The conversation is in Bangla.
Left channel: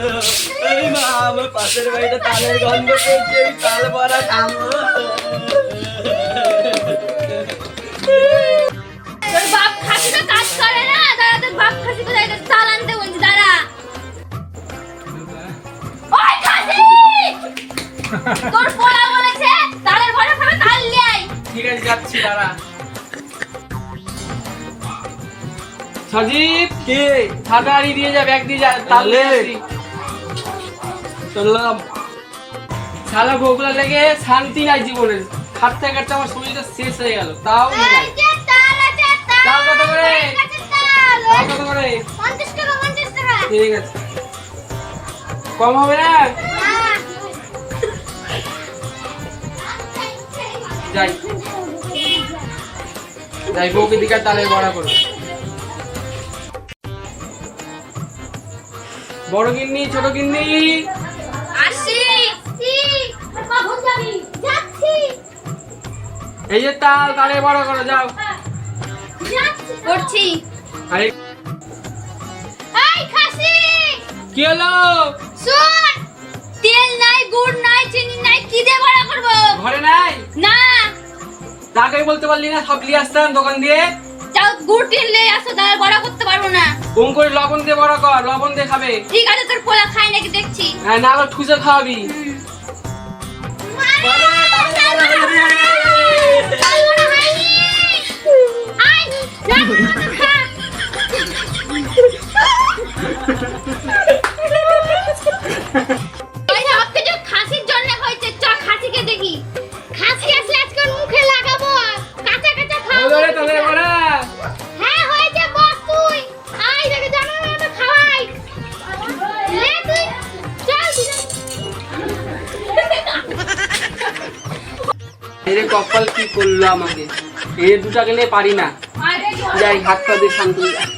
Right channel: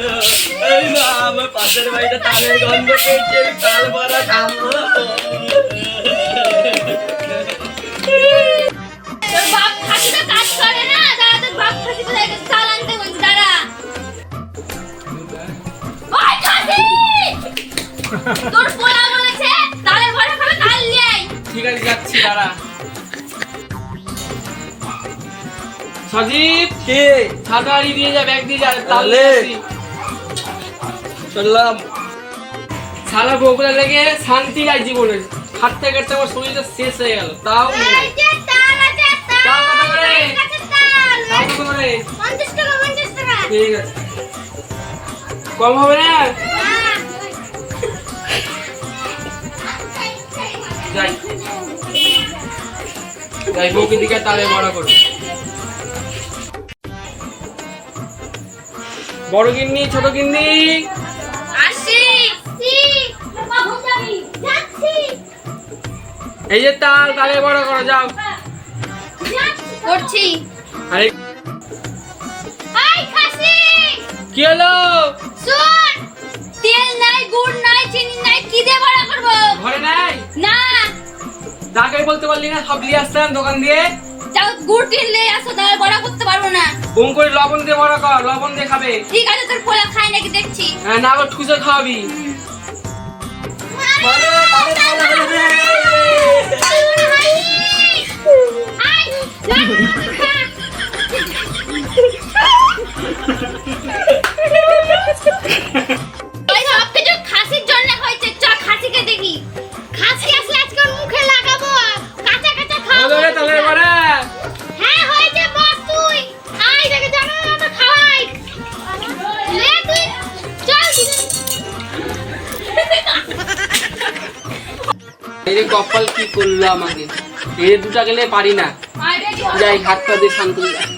এই না আমার পাশের বাড়িতে তালের গন্ধ পেয়েছি, আমি তাল বড়া খাবো। তোর বাপ খাসি তো কাজ করে না, দাঁড়া তোর বাপ খাসি কোথায় গেছে, তাল আনতে বলছি, দাঁড়া। ওই খাসি, তোর পোলা বলেছে তালের বড়া খাবে, তাল নিয়ে আয়। ঠিক আছে যাচ্ছি, দাঁড়া। সজীব কে ছাতাড়ি দিয়ে যা, ব্যাগ দিয়ে যা, তাহলে চললাম। সারা বগুলা লেগে শান্তি নাই জীবনে, হাঁটতে কাটতে আমার শরীরটা শেষ হয়ে গেল, তাও নাই। এই যে তাল আছে, তাল কত করে? আমার কাছে তাল, তাল কত করে? 50 টাকা 50 টাকা। ঠিক আছে, কম হবে না? হ্যাঁ। যাই যাই, বউকে দিকে তালের বড়া করো। বড় গিন্নি, ছোট গিন্নি, আসি কখন যাবি? যাচ্ছি। এই যে তাল, তালের বড়া করো, যাও। করছি। আরে এই খাসি, কি হলো? শুন, তেল নাই, গুড় নাই, চিনি নাই, কি দিয়ে বড়া করব? ঘরে নাই? না, তাকে বলতে পারলি না সব নিয়ে আসতাম দোকান দিয়ে? যাও গুড় টিনলে আসো, তাহলে বড়া করতে পারবো না। কম করে লবণ দিয়ে বড়া কর, লবণ দিয়ে খাবে। ঠিক আছে, তোর পোলা খায় নাকি দেখছি। হ্যাঁ, না আবার ঠুসে খাওয়াবি। ওই সবকিছু খাসির জন্য হয়েছে, চ খাসিকে দেখি। খাসি আসলে আজকে ওর মুখে লাগাবো, কাঁচা কাঁচা খাবো। হলো রে তালের বড়া। হ্যাঁ হয়েছে, বস তুই আই দেখে জানো না তো খাওয়াই লে তুই, চল। এই রে কপাল কি করলো আমাকে, এই দুটা গেলে পারি না। যাই হাত পা দিয়ে শান্ত হয়ে যাই।